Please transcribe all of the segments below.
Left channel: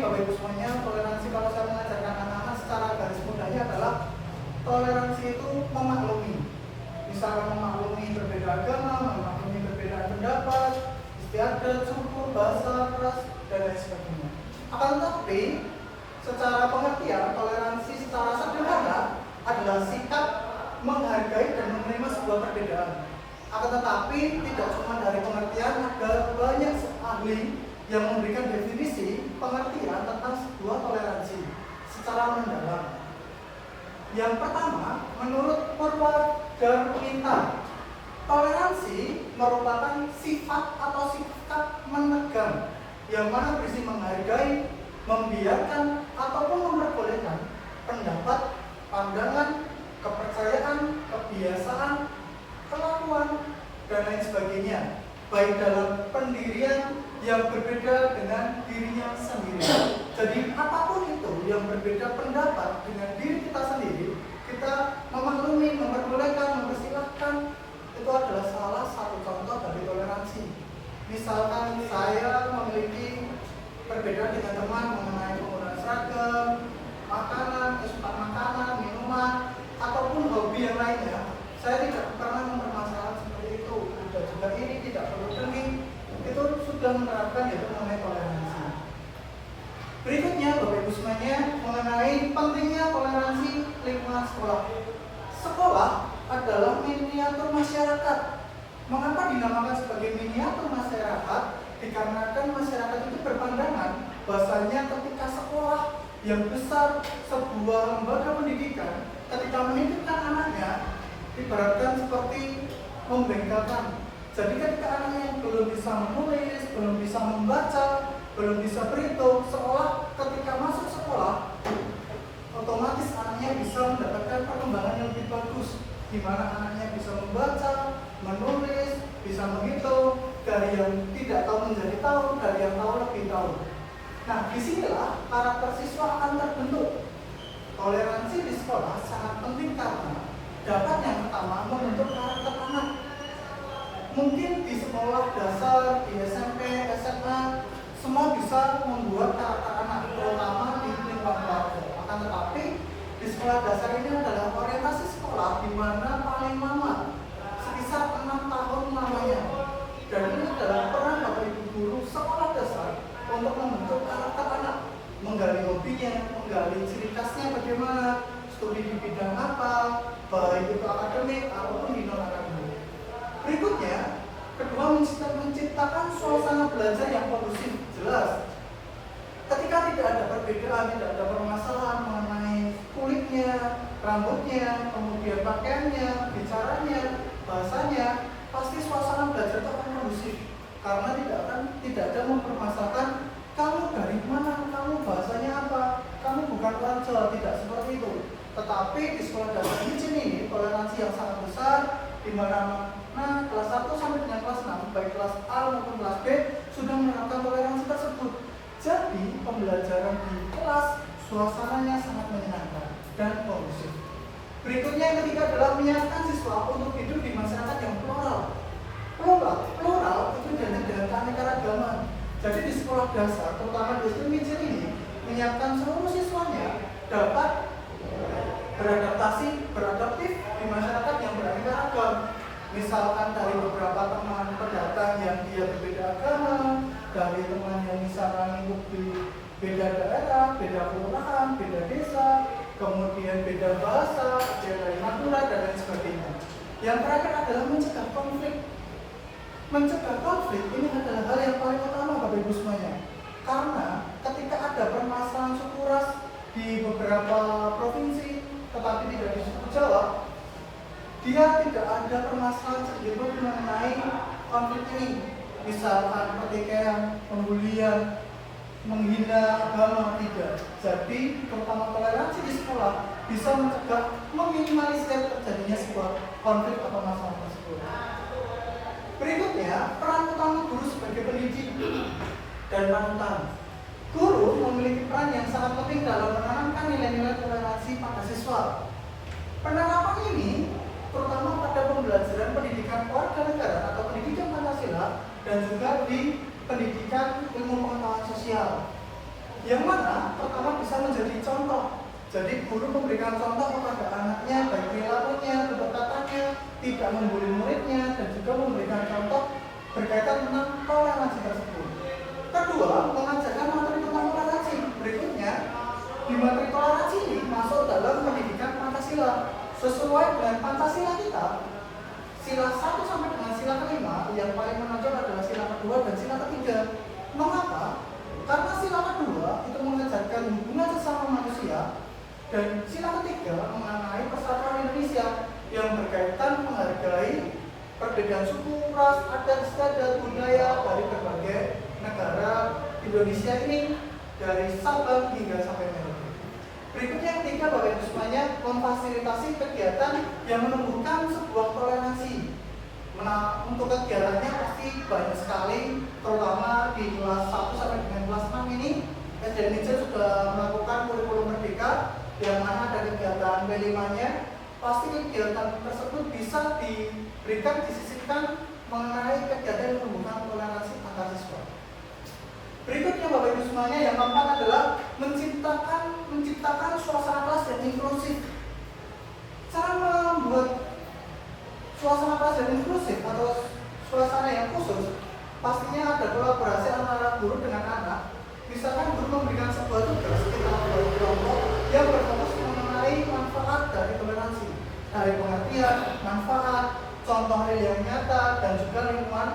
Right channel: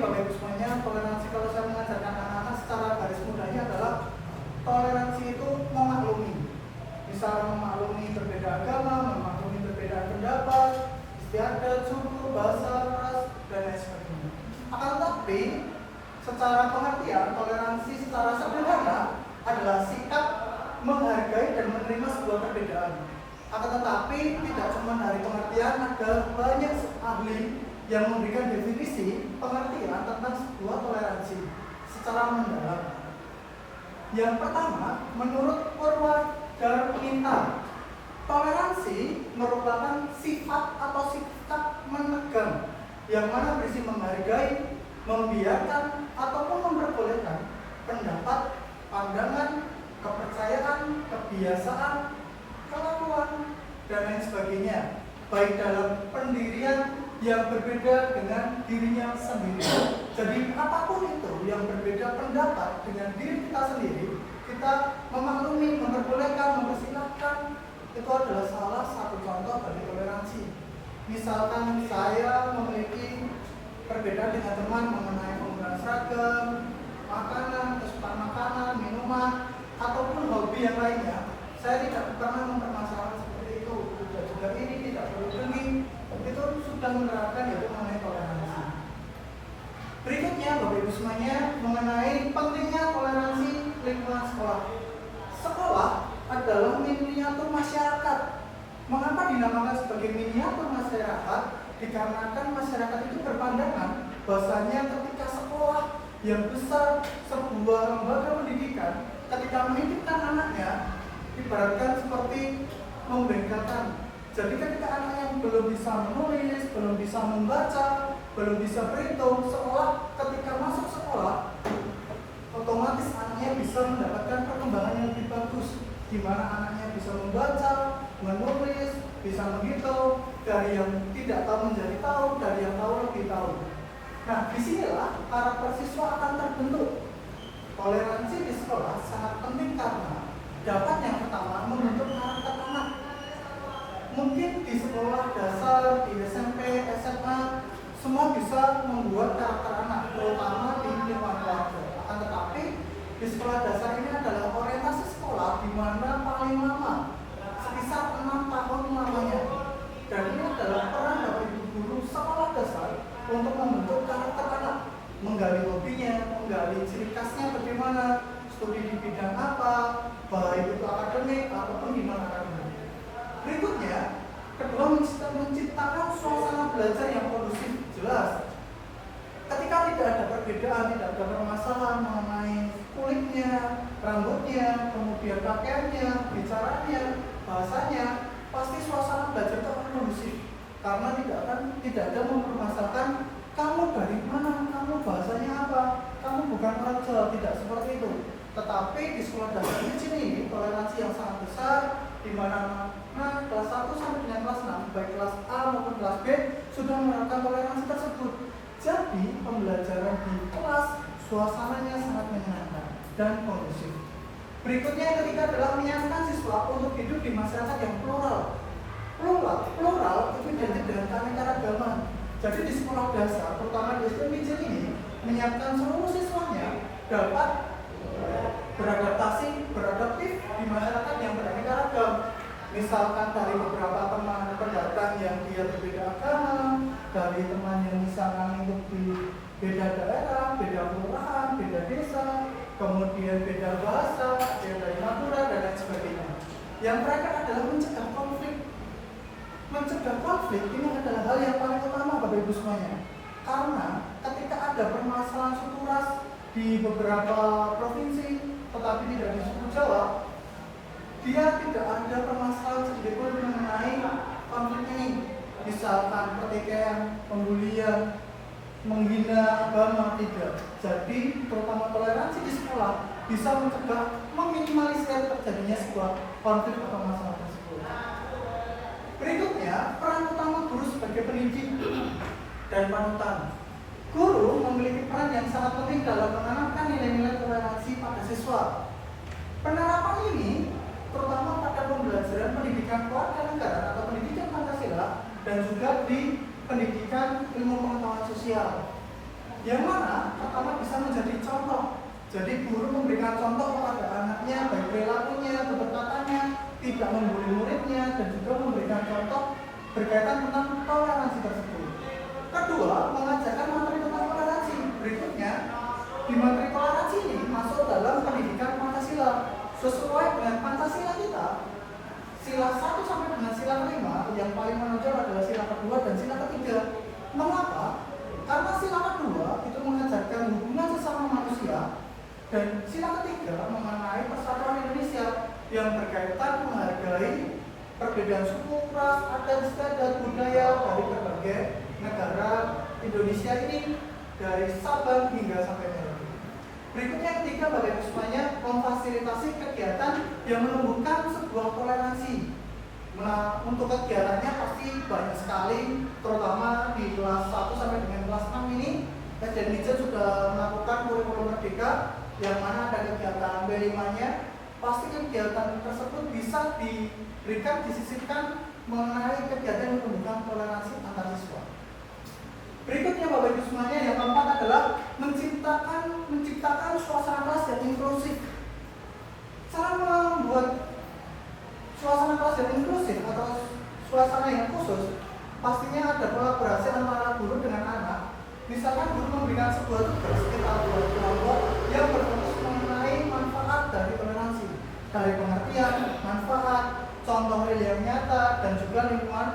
Bapak Ibu semuanya, toleransi kalau saya mengajarkan anak-anak secara garis mudahnya adalah toleransi itu memaklumi. Misalnya memaklumi berbeda agama, memaklumi perbedaan pendapat, istiadat, suku, bahasa, ras, dan lain sebagainya. Akan tetapi, secara pengertian, toleransi secara sederhana adalah sikap menghargai dan menerima sebuah perbedaan. Akan tetapi, tidak cuma dari pengertian, ada banyak ahli yang memberikan definisi pengertian tentang sebuah toleransi secara mendalam. Yang pertama, menurut Purwadarminta, toleransi merupakan sifat atau sikap menegang yang mana berisi menghargai, membiarkan, ataupun memperbolehkan pendapat, pandangan, kepercayaan, kebiasaan, kelakuan, dan lain sebagainya, baik dalam pendirian yang berbeda dengan dirinya sendiri. Jadi apapun itu yang berbeda pendapat dengan diri kita sendiri, kita memaklumi, memperbolehkan, mempersilahkan, itu adalah salah satu contoh dari toleransi. Misalkan saya memiliki perbedaan dengan teman mengenai penggunaan seragam, makanan, kesukaan makanan, minuman, ataupun hobi yang lainnya, saya tidak pernah mempermasalahkan seperti itu. Tidak juga ini, tidak perlu demi, itu sudah menerapkan yaitu mengenai toleransi. Berikutnya, Bapak Ibu semuanya, mengenai pentingnya toleransi lingkungan sekolah. Sekolah adalah miniatur masyarakat. Mengapa dinamakan sebagai miniatur masyarakat? Dikarenakan masyarakat itu berpandangan bahwasanya ketika sekolah yang besar, sebuah lembaga pendidikan, ketika menitipkan anaknya, ibaratkan seperti membengkelkan. Jadi ketika anak yang belum bisa menulis, belum bisa membaca, belum bisa berhitung, seolah ketika masuk sekolah, otomatis anaknya bisa mendapatkan perkembangan yang lebih bagus, di mana anaknya bisa membaca, menulis, bisa menghitung, dari yang tidak tahu menjadi tahu, dari yang tahu lebih tahu. Nah, disinilah karakter siswa akan terbentuk. Toleransi di sekolah sangat penting karena dapat yang pertama membentuk karakter anak. Mungkin di sekolah dasar, di SMP, SMA, semua bisa membuat karakter anak, terutama di lingkungan keluarga. Akan tetapi di sekolah dasar ini adalah orientasi sekolah di mana paling lama, sekitar 6 tahun lamanya. Dan ini adalah peran Bapak Ibu guru sekolah dasar untuk membentuk karakter anak, menggali hobinya, menggali ciri khasnya bagaimana, studi di bidang apa, baik itu akademik ataupun di non akademik. Berikutnya, kedua menciptakan suasana belajar yang kondusif. Jelas, ketika tidak ada perbedaan, tidak ada permasalahan mengenai kulitnya, rambutnya, kemudian pakaiannya, bicaranya, bahasanya, pasti suasana belajar itu akan kondusif. Karena tidak ada mempermasalahkan kamu dari mana, kamu bahasanya apa, kamu bukan orang Jawa, tidak seperti itu. Tetapi di sekolah dasar izin ini toleransi yang sangat besar, di mana kelas 1 sampai dengan kelas 6, baik kelas A maupun kelas B sudah menerapkan toleransi tersebut. Jadi pembelajaran di kelas suasananya sangat menyenangkan dan kondusif. Berikutnya yang ketiga adalah menyarankan siswa untuk hidup di masyarakat yang plural. Plural itu identik dengan keanekaragaman. Jadi di sekolah dasar, terutama di SD Mijil ini, menyiapkan seluruh siswanya dapat beradaptif di masyarakat yang beraneka ragam. Misalkan dari beberapa teman pendatang yang dia berbeda agama, dari teman yang misalkan hidup di beda daerah, beda kelurahan, beda desa, kemudian beda bahasa, ada dari Madura dan lain sebagainya. Yang terakhir adalah mencegah konflik. Mencegah konflik ini adalah hal yang paling utama Bapak Ibu semuanya. Karena ketika ada permasalahan suku ras di beberapa provinsi, tetapi tidak di suku Jawa, dia tidak ada permasalahan sedikitpun mengenai konflik ini. Misalkan pertikaian, pembulian, menghina agama, tidak. Jadi terutama toleransi di sekolah bisa mencegah, meminimalisir terjadinya sebuah konflik atau masalah tersebut. Berikutnya, peran utama guru sebagai pendidik dan panutan. Guru memiliki peran yang sangat penting dalam menanamkan nilai-nilai toleransi pada siswa. Penerapan ini terutama pada pembelajaran pendidikan kewarganegaraan atau pendidikan Pancasila dan juga di pendidikan ilmu pengetahuan sosial. yang mana pertama bisa menjadi contoh. Jadi guru memberikan contoh kepada anaknya, baik perilakunya, pendekatannya, tidak membuli muridnya, dan juga memberikan contoh berkaitan tentang toleransi tersebut. Kedua, mengajarkan materi tentang toleransi. Berikutnya, di materi toleransi ini masuk dalam pendidikan Pancasila. Sesuai dengan Pancasila kita, sila 1 sampai dengan sila 5 yang paling menonjol adalah sila kedua dan sila ketiga. Mengapa? Karena sila kedua itu mengajarkan hubungan sesama manusia, dan sila ketiga mengenai persatuan Indonesia yang berkaitan menghargai perbedaan suku, ras, adat, istiadat, budaya dari berbagai negara Indonesia ini, dari Sabang hingga sampai Merauke. Berikutnya ketiga, Bapak Ibu semuanya, memfasilitasi kegiatan yang menumbuhkan sebuah toleransi. Nah, untuk kegiatannya pasti banyak sekali, terutama di kelas 1 sampai dengan kelas 6 ini, SDN sudah melakukan kurikulum merdeka, yang mana ada kegiatan B5-nya. Pasti kegiatan tersebut bisa diberikan, disisipkan mengenai kegiatan yang menumbuhkan toleransi antar siswa. Berikutnya Bapak Ibu semuanya, yang keempat adalah menciptakan suasana kelas yang inklusif. Cara membuat suasana kelas yang inklusif atau suasana yang khusus, pastinya ada kolaborasi antara guru dengan anak. Misalkan guru memberikan sebuah tugas sekitar 2 kelompok yang berfokus mengenai manfaat dari toleransi, dari pengertian, manfaat, contoh real yang nyata, dan juga lingkungan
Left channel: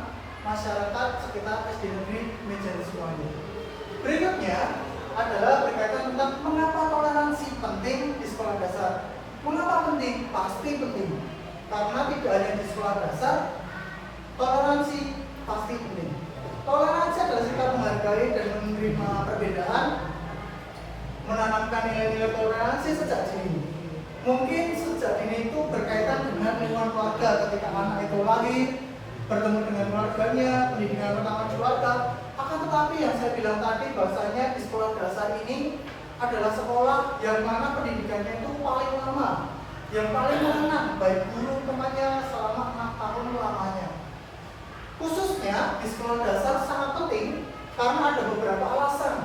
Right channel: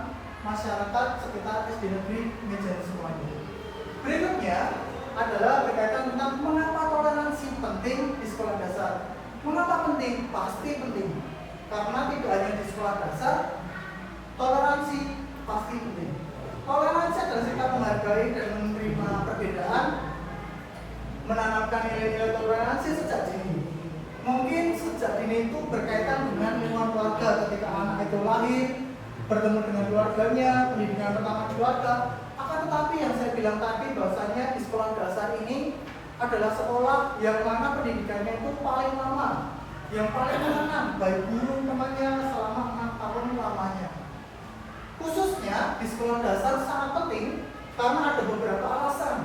masyarakat sekitar SD Negeri Mejen semuanya. Berikutnya adalah berkaitan tentang mengapa toleransi penting di sekolah dasar. Mengapa penting? Pasti penting. Karena tidak hanya di sekolah dasar, toleransi pasti penting. Toleransi adalah sikap menghargai dan menerima perbedaan, menanamkan nilai-nilai toleransi sejak dini. Mungkin sejak dini itu berkaitan dengan lingkungan keluarga, ketika anak itu lahir, bertemu dengan keluarganya, pendidikan pertama keluarga. Akan tetapi yang saya bilang tadi, bahwasanya di sekolah dasar ini adalah sekolah yang mana pendidikannya itu paling lama, yang paling mengenang baik guru temannya selama 6 tahun lamanya. Khususnya di sekolah dasar sangat penting karena ada beberapa alasan.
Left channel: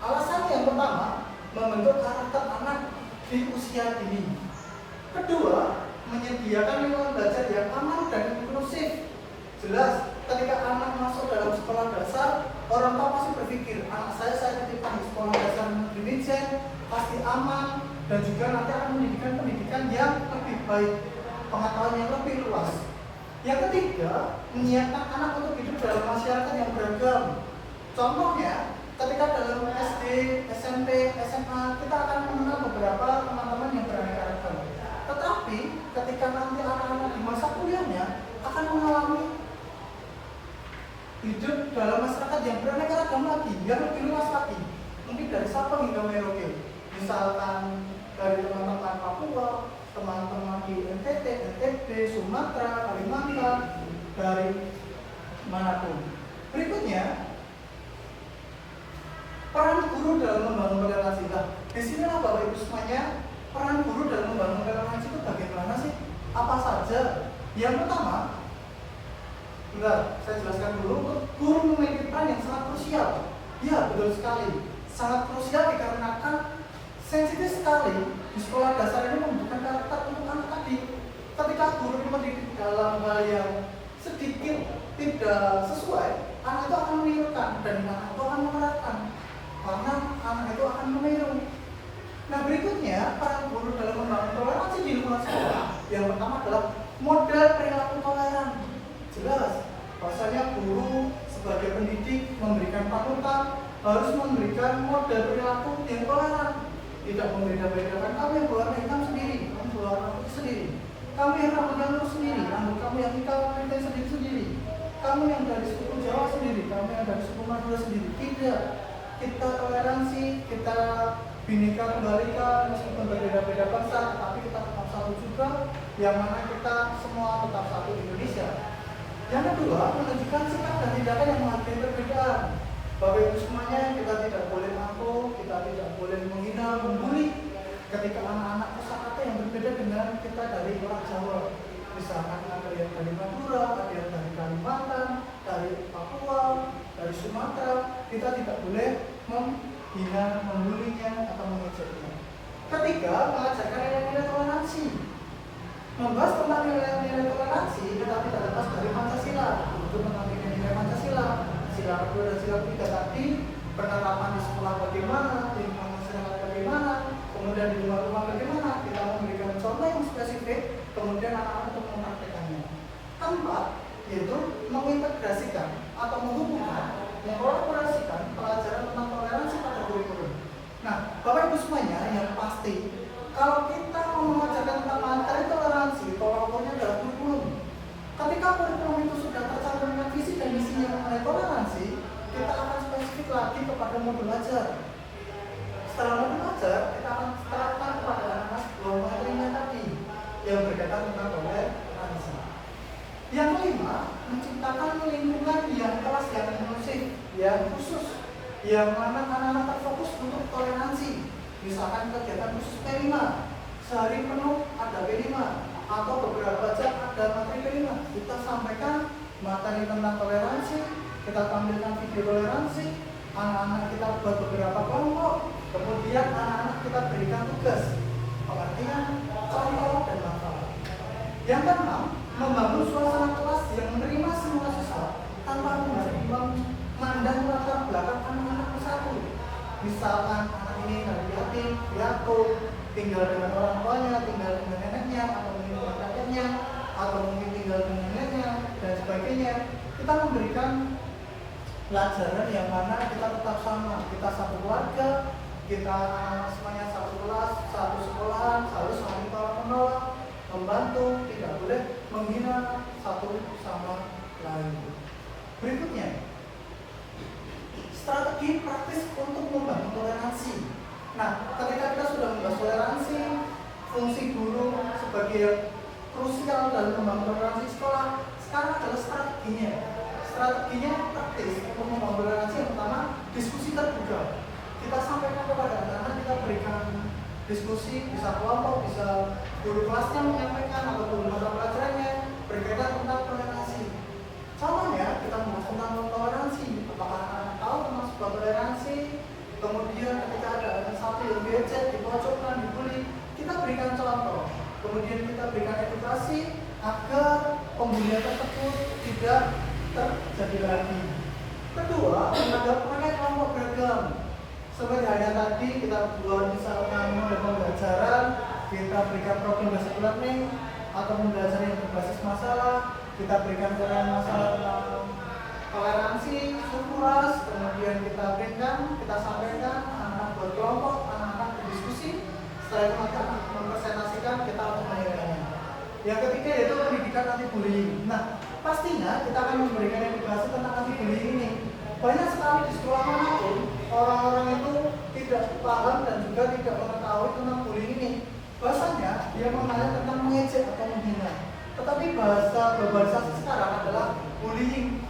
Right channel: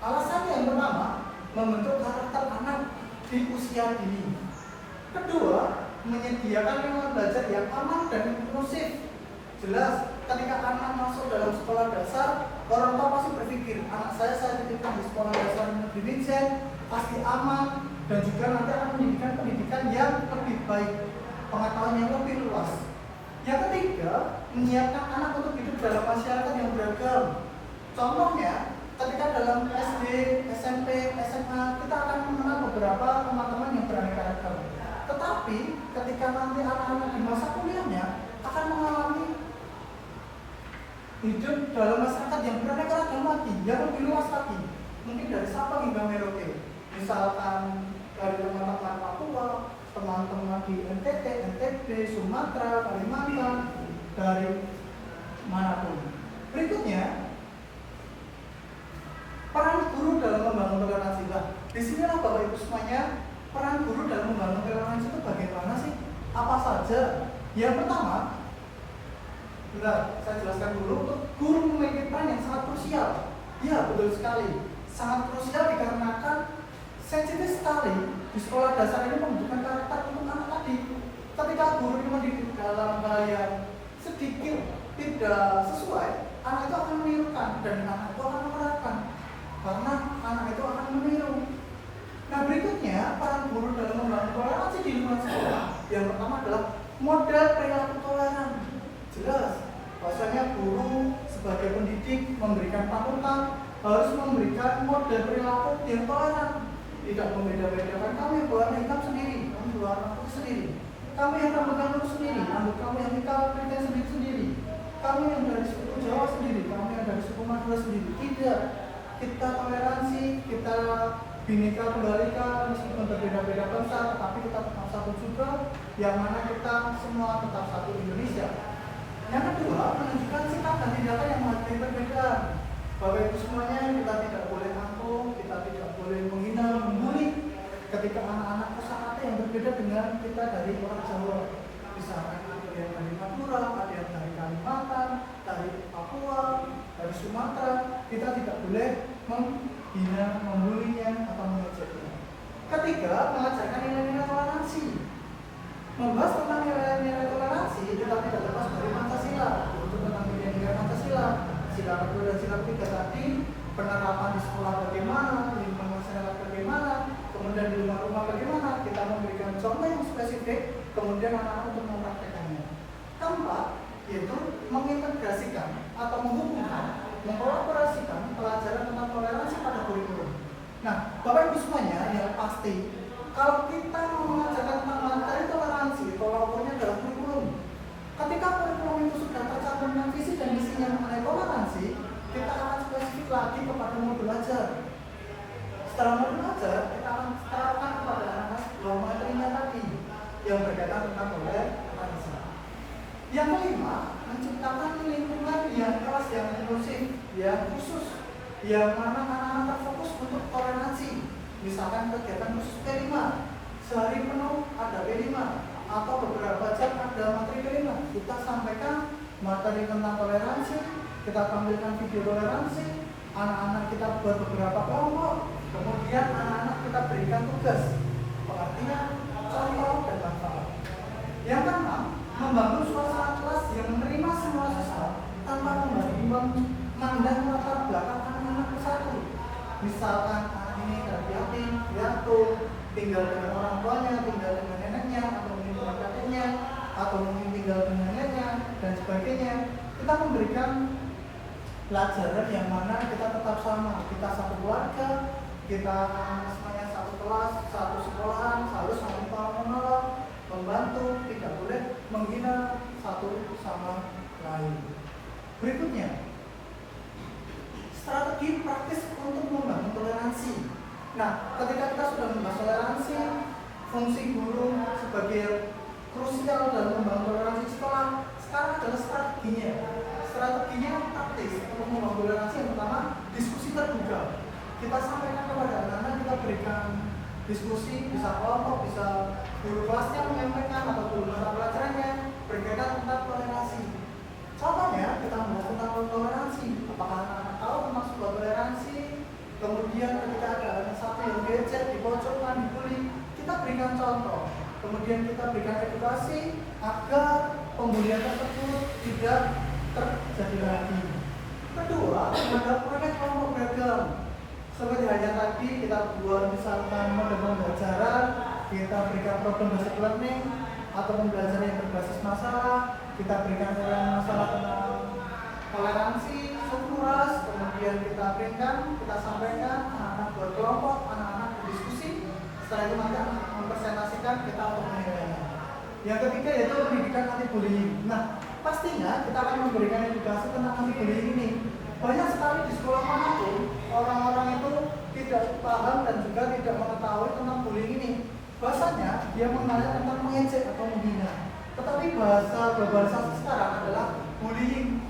Alasan yang pertama, membentuk karakter anak di usia dini. Kedua, menyediakan lingkungan belajar yang aman dan inklusif. Jelas, ketika anak masuk dalam sekolah dasar, orang tua pasti berpikir, anak saya titipkan di sekolah dasar negeri Mejen, pasti aman, dan juga nanti akan mendapatkan pendidikan yang lebih baik, pengetahuan yang lebih luas. Yang ketiga, menyiapkan anak untuk hidup dalam masyarakat yang beragam. Contohnya, ketika dalam SD, SMP, SMA, kita akan mengenal beberapa teman-teman yang beraneka ragam. Tetapi, ketika nanti anak-anak di masa kuliahnya akan mengalami hidup dalam masyarakat yang beraneka ragam lagi, yang lebih luas lagi. Mungkin dari Sabang hingga Merauke. Misalkan dari teman-teman Papua, teman-teman di NTT, NTB, Sumatera, Kalimantan, dari manapun. Berikutnya, peran guru dalam membangun toleransi. Di sinilah Bapak Ibu semuanya, peran guru dalam membangun toleransi itu bagaimana sih? Apa saja? Yang pertama, saya jelaskan dulu, guru memiliki peran yang sangat krusial. Ya, betul sekali. Sangat krusial dikarenakan sensitif sekali di sekolah dasar ini membutuhkan karakter untuk anak tadi. Ketika guru mendidik dalam hal yang sedikit tidak sesuai, anak itu akan menirukan dan anak itu akan menerapkan, karena anak itu akan meniru. Nah, berikutnya peran guru dalam membangun toleransi di lingkungan sekolah. Yang pertama adalah model perilaku toleran. Jelas, bahwasanya guru sebagai pendidik memberikan panutan, harus memberikan model perilaku yang toleran. Tidak membeda-bedakan, kamu yang berwarna hitam sendiri, kamu berwarna putih sendiri, kamu yang rambut lurus sendiri, rambut kamu yang hitam sendiri, kamu yang dari suku Jawa sendiri, kamu yang dari suku Madura sendiri. Tidak, kita toleransi, kita bineka tunggal ika, meskipun berbeda-beda bangsa, tetapi kita tetap satu juga, yang mana kita semua tetap satu Indonesia. Yang kedua, menunjukkan sikap dan tindakan yang menghargai perbedaan. Bapak Ibu semuanya, kita tidak boleh angkuh, kita tidak boleh menghina, membuli ketika anak-anak kosakata yang berbeda dengan kita dari orang Jawa. Misalkan ada yang dari Madura, ada yang dari Kalimantan, dari Papua, dari Sumatera, kita tidak boleh menghina, membulinya, atau mengejeknya. Ketiga, mengajarkan nilai-nilai toleransi. Membahas tentang nilai-nilai toleransi, kita tidak lepas dari Pancasila. Untuk tentang nilai-nilai Pancasila, sila kedua dan sila ketiga tadi, penerapan di sekolah bagaimana, di lingkungan masyarakat bagaimana, kemudian di rumah-rumah bagaimana, kita memberikan contoh yang spesifik, kemudian anak-anak untuk mempraktekannya. Keempat, yaitu mengintegrasikan atau menghubungkan, mengkolaborasikan pelajaran tentang toleransi pada kurikulum. Nah, Bapak Ibu semuanya, yang pasti kalau kita mau mengajarkan tentang materi toleransi, tolak ukurnya adalah kurikulum. Ketika kurikulum itu sudah tercantum dengan visi dan misinya mengenai toleransi, kita akan spesifik lagi kepada modul ajar. Setelah modul ajar, kita akan terapkan kepada anak-anak bahwa materinya tadi yang berkaitan tentang toleransi. Yang kelima, menciptakan lingkungan yang kelas, yang inklusif, yang khusus, yang mana anak-anak terfokus untuk toleransi. Misalkan kegiatan khusus P5, sehari penuh ada P5, atau beberapa jam ada materi P5. Kita sampaikan materi tentang toleransi, kita tampilkan video toleransi, anak-anak kita buat beberapa kelompok, kemudian anak-anak kita berikan tugas, pengertian, contoh, dan manfaat. Yang keenam, membangun suasana kelas yang menerima semua siswa tanpa memandang latar belakang anak-anak persatu. Misalkan anak ini dari yatim, piatu, tinggal dengan orang tuanya, tinggal dengan neneknya, atau mungkin dengan kakeknya, atau mungkin tinggal dengan neneknya, dan sebagainya. Kita memberikan pelajaran yang mana kita tetap sama, kita satu keluarga, kita anak-anak semuanya satu kelas, satu sekolahan, harus saling tolong-menolong, membantu, tidak boleh menghina satu sama lain. Berikutnya, strategi praktis untuk membangun toleransi. Nah, ketika kita sudah membahas toleransi, fungsi guru sebagai krusial dalam membangun toleransi sekolah, sekarang adalah strateginya. Strateginya praktis untuk membangun toleransi. Yang pertama, diskusi terbuka. Kita sampaikan kepada anak-anak, kita berikan diskusi, bisa kelompok, bisa guru kelasnya menyampaikan, atau guru mata pelajarannya berkaitan tentang toleransi. Contohnya, kita membahas tentang toleransi. Apakah anak-anak tahu tentang sebuah toleransi? Kemudian ketika ada anak satu yang becek, dipojokkan, dibully, kita berikan contoh. Kemudian kita berikan edukasi agar pembulian tersebut tidak terjadi lagi. Kedua, ada proyek kelompok beragam. Seperti halnya tadi kita buat misalkan model pembelajaran, kita berikan program basic learning atau pembelajaran yang berbasis masalah, kita berikan masalah tentang toleransi, suku ras, kemudian kita berikan, kita sampaikan, anak-anak buat kelompok, anak-anak berdiskusi, setelah itu mereka mempresentasikan, kita untuk menilainya. Yang ketiga yaitu pendidikan anti bullying. Nah, pastinya kita akan memberikan edukasi tentang anti bullying ini. Banyak sekali di sekolah manapun orang-orang itu tidak paham dan juga tidak mengetahui tentang bullying ini. Bahasanya dia mengenal tentang mengejek atau menghina. Tetapi bahasa globalisasi sekarang adalah bullying.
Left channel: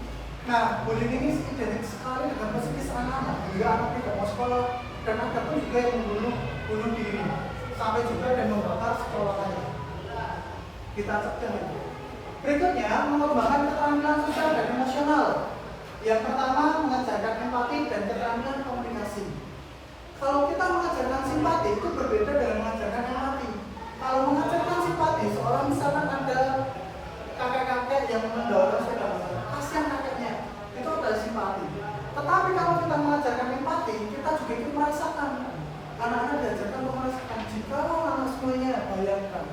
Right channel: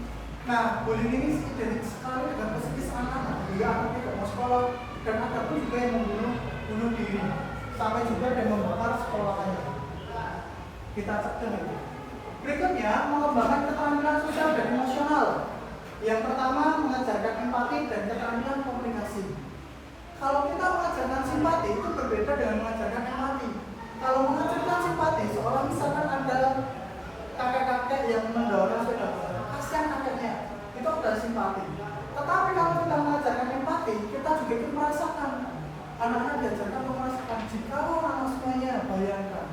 Nah, bullying ini identik sekali dengan psikis anak-anak. Juga anak tidak mau sekolah, dan ada pun juga yang bunuh diri, sampai juga yang membakar sekolahnya. Kita cegah itu. Berikutnya, mengembangkan keterampilan sosial dan emosional. Yang pertama, mengajarkan empati dan keterampilan komunikasi. Kalau kita mengajarkan simpati, itu berbeda dengan mengajarkan empati. Kalau mengajarkan simpati, seorang misalkan ada kakek-kakek yang mendorong sepeda motor, kasihan kakeknya, itu adalah simpati. Tetapi kalau kita mengajarkan empati, kita juga ikut merasakan. Anak-anak diajarkan untuk merasakan. Jikalau anak semuanya, bayangkan,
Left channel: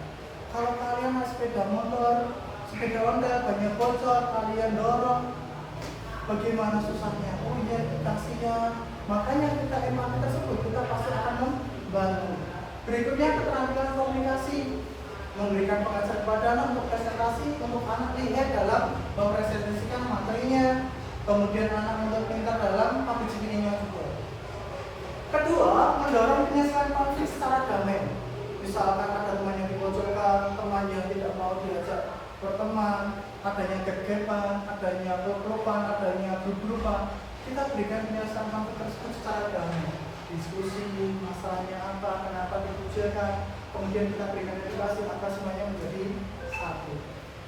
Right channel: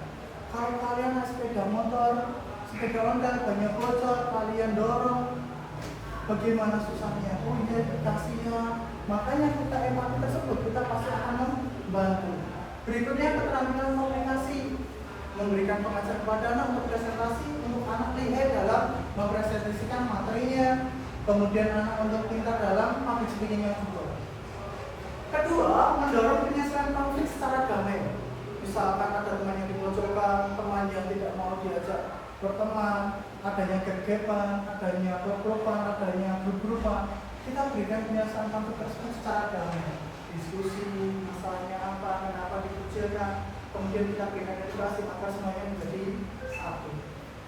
kalau kalian naik sepeda motor, sepeda Honda banyak bocor, kalian dorong, bagaimana susahnya? Oh iya, kasihan. Makanya kita empati tersebut, kita pasti akan membantu. Berikutnya, keterampilan komunikasi. Memberikan pengajaran kepada anak untuk presentasi, untuk anak lihat dalam mempresentasikan materinya. Kemudian anak untuk pintar dalam public speaking-nya juga. Kedua, mendorong penyelesaian konflik secara damai. Misalkan ada teman yang dipojokkan, teman yang tidak mau diajak berteman, adanya gegepan, adanya peluk-pelukan, adanya grup-grupan, kita berikan penyelesaian konflik tersebut secara damai. Diskusi, masalahnya apa, kenapa dikucilkan, kemudian kita berikan edukasi agar semuanya menjadi satu.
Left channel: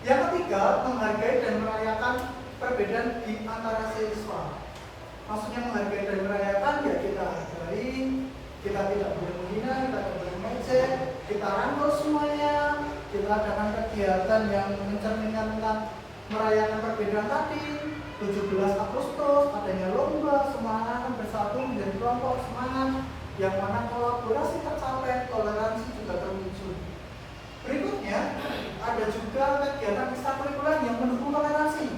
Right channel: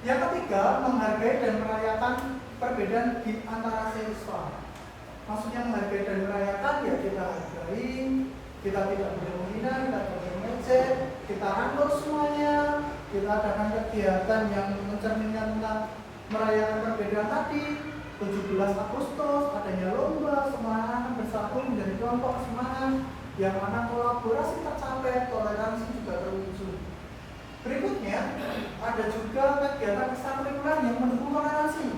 Yang ketiga, menghargai dan merayakan perbedaan di antara siswa. maksudnya menghargai dan merayakan, ya kita hargai, kita tidak boleh menghina, kita tidak boleh mengejek, kita rangkul semuanya, kita adakan kegiatan yang mencerminkan tentang merayakan perbedaan tadi. 17 Agustus adanya lomba, semua anak bersatu menjadi kelompok semangat yang akan kolaborasi tercapai, toleransi juga terwujud. Berikutnya ada juga kegiatan ekstrakurikuler yang mendukung toleransi.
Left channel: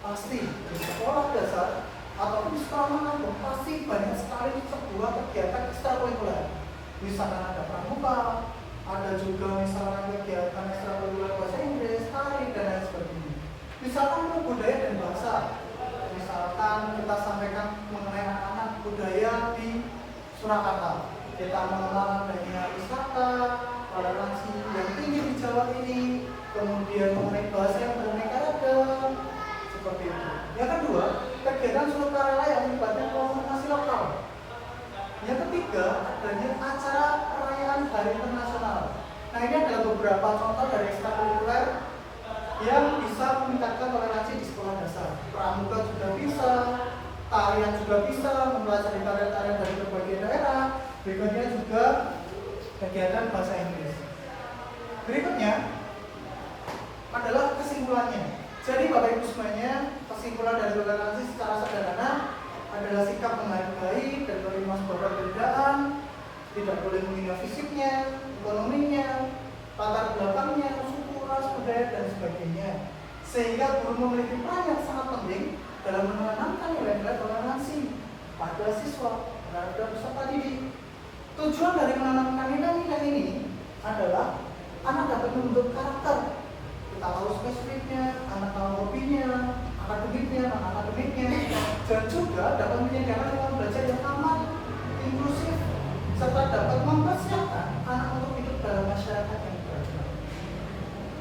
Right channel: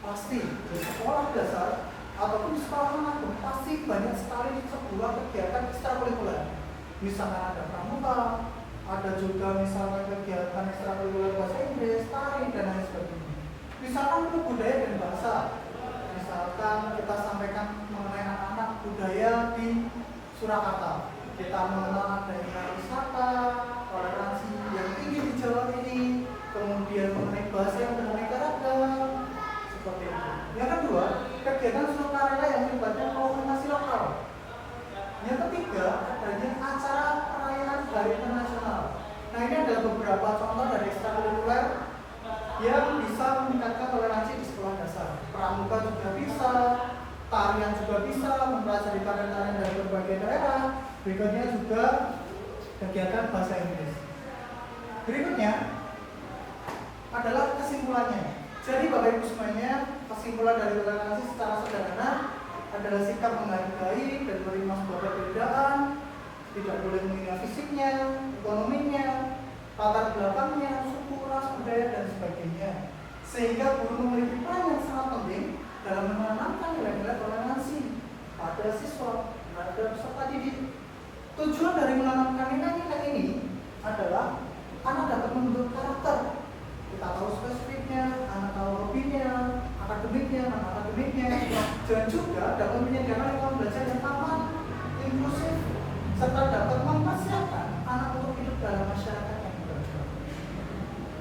Pasti di sekolah dasar ataupun di sekolah manapun pasti banyak sekali sebuah kegiatan ekstrakurikuler. Misalnya ada pramuka, ada juga misalnya kegiatan ekstrakurikuler bahasa Inggris, tari, dan lain sebagainya. Misalkan untuk budaya dan bahasa, misalkan kita sampaikan mengenai anak-anak budaya di Surakarta, kita mengenal adanya wisata, toleransi yang tinggi di Jawa ini, kemudian mengenai bahasa yang beraneka ragam, seperti itu. Yang kedua, kegiatan sukarela yang melibatkan komunitas lokal. Yang ketiga, adanya acara perayaan Hari Internasional. Nah, ini adalah beberapa contoh dari ekstrakurikuler yang bisa meningkatkan toleransi di sekolah dasar. Pramuka juga bisa, tarian juga bisa, mempelajari tarian-tarian dari berbagai daerah. Berikutnya juga kegiatan bahasa Inggris. Berikutnya adalah kesimpulannya. Jadi Bapak Ibu semuanya, kesimpulan dari toleransi secara sederhana adalah sikap menghargai dan menerima sebuah perbedaan, tidak boleh menghina fisiknya, ekonominya, latar belakangnya, suku, ras, budaya, dan sebagainya. Sehingga guru memiliki peran yang sangat penting dalam menanamkan nilai-nilai toleransi pada siswa terhadap peserta didik. Tujuan dari menanamkan nilai-nilai ini adalah anak dapat membentuk karakter. Kita tahu spesifiknya, anak tahu hobinya, akademiknya, non-akademiknya, dan juga dapat menyediakan lingkungan belajar yang aman, inklusif, serta dapat mempersiapkan anak untuk hidup dalam masyarakat yang beragam.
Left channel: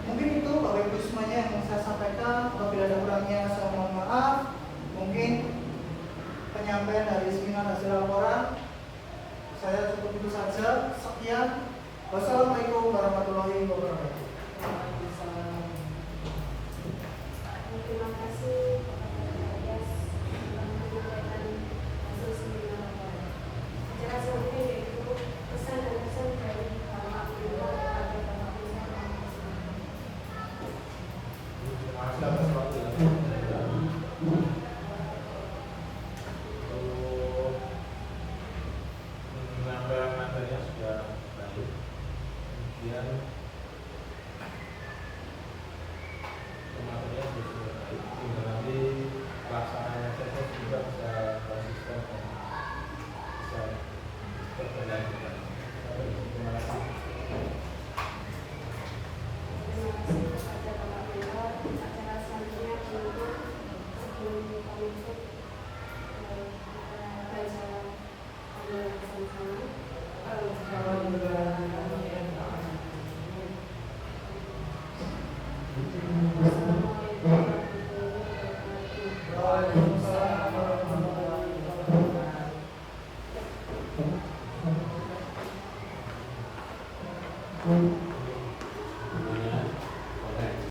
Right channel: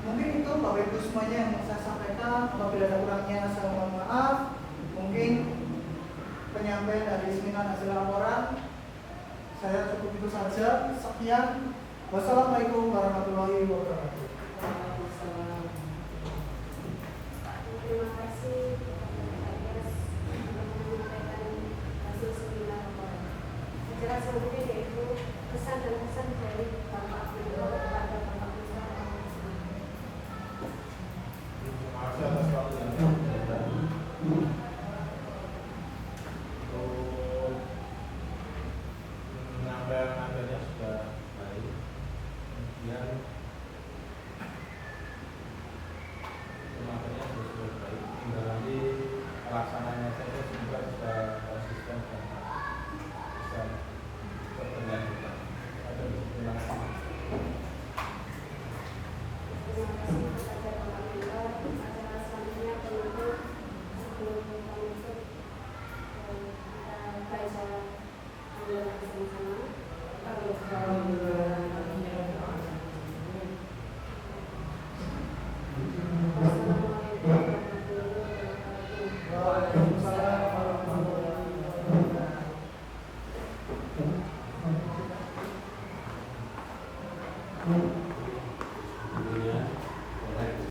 Mungkin itu Bapak Ibu semuanya yang saya sampaikan. Apabila ada kurangnya saya mohon maaf. Mungkin penyampaian dari seminar hasil laporan saya cukup itu saja. Sekian. Wassalamualaikum warahmatullahi wabarakatuh. Terima kasih kepada Ayas telah menyampaikan hasil seminar laporan. Acara selanjutnya yaitu pesan dan pesan dari Bapak Gubernur kepada Bapak Gubernur. Terima kasih atas waktu yang diberikan. Untuk menambah-nambahnya sudah baik. Kemudian materinya sudah baik. Tinggal nanti pelaksanaannya saja juga bisa konsisten dan bisa berkelanjutan. Terima kasih. Terima kasih kepada Bapak Gubernur. Acara selanjutnya untuk sebelum kami tutup baca bersama-sama.